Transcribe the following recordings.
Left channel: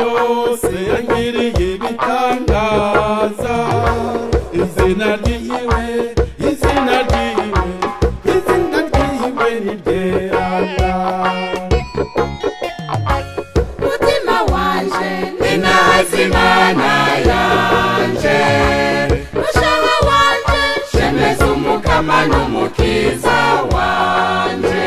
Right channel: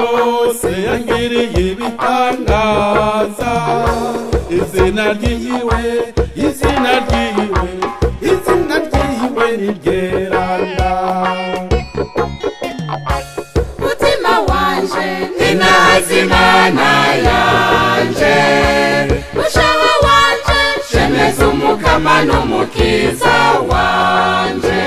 byose yagiriye ibitangaza. Izina ryiwe, izina ryiwe, izina ryiwe ni ryeranda. Mutima wanje ninazi Imana yanje, mushaha wanje shemeza Umukama n'Umukiza wanje.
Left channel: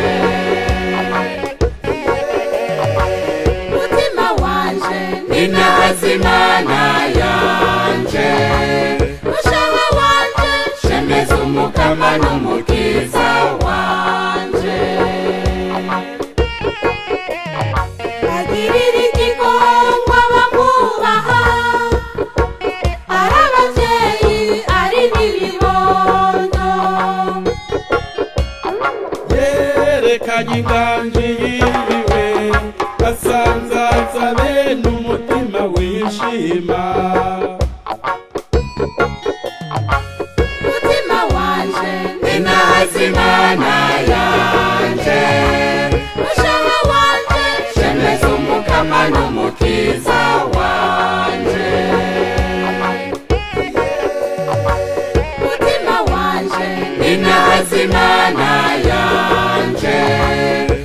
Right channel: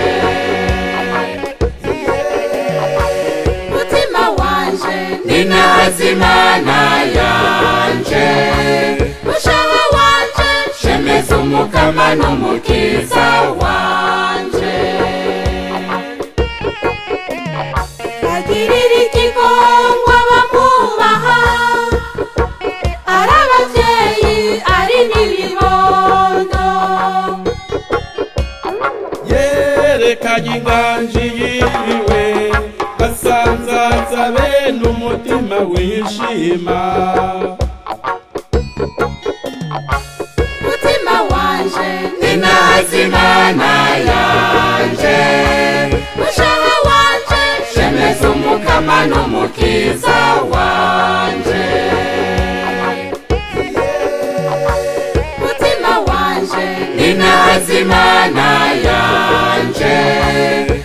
Mutima wanje ninazi Imana yanje, mushaha wanje shemeza Umukama n'Umukiza wanje. Agirira igikorwa bamubaha, ari abavyeyi ari n'ibibondo. Yerekanye inganji yiriwe, basanzaza bene umutima wishima. Mutima wanje ninazi Imana yanje, mushaha wanje shemeza Umukama n'Umukiza wanje. Mutima wanje ninazi Imana yanje,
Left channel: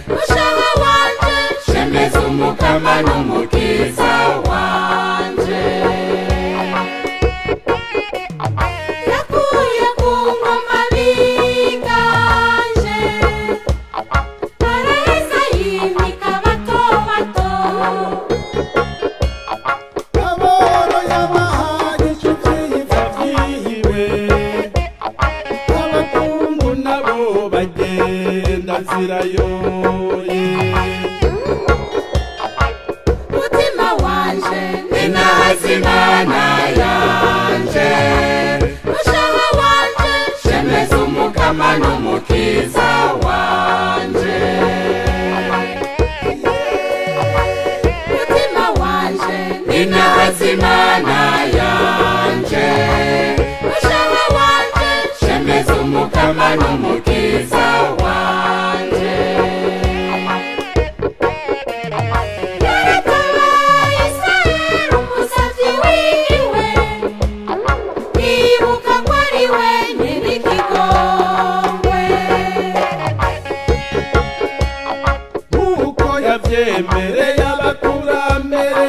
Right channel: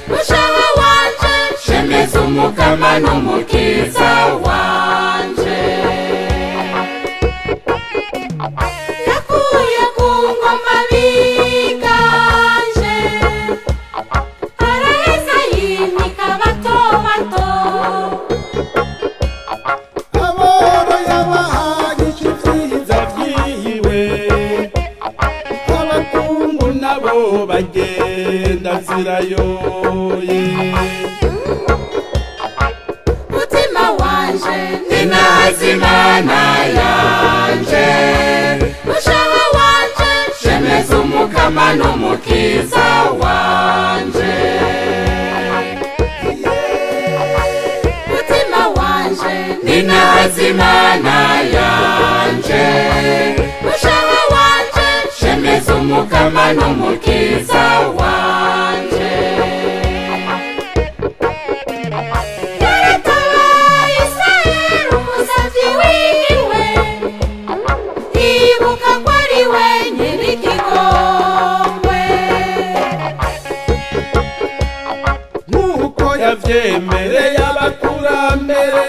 mushaha wanje shemeza Umukama n'Umukiza wanje. Yakuye ku ngoma biganje, araheza yimika bato bato. Aboro yabahaye icyiza vyiwe, abakungu nabo bagenda zirayoye. Mutima wanje ninazi Imana yanje, mushaha wanje shemeza Umukama n'Umukiza wanje. Mutima wanje ninazi Imana yanje, mushaha wanje shemeza Umukama n'Umukiza wanje. Yaratabaye Isirayeli umusavyi wiwe, ibuka ko ari we nyir'igikombe. Nk'uko yavyemereye abakurambere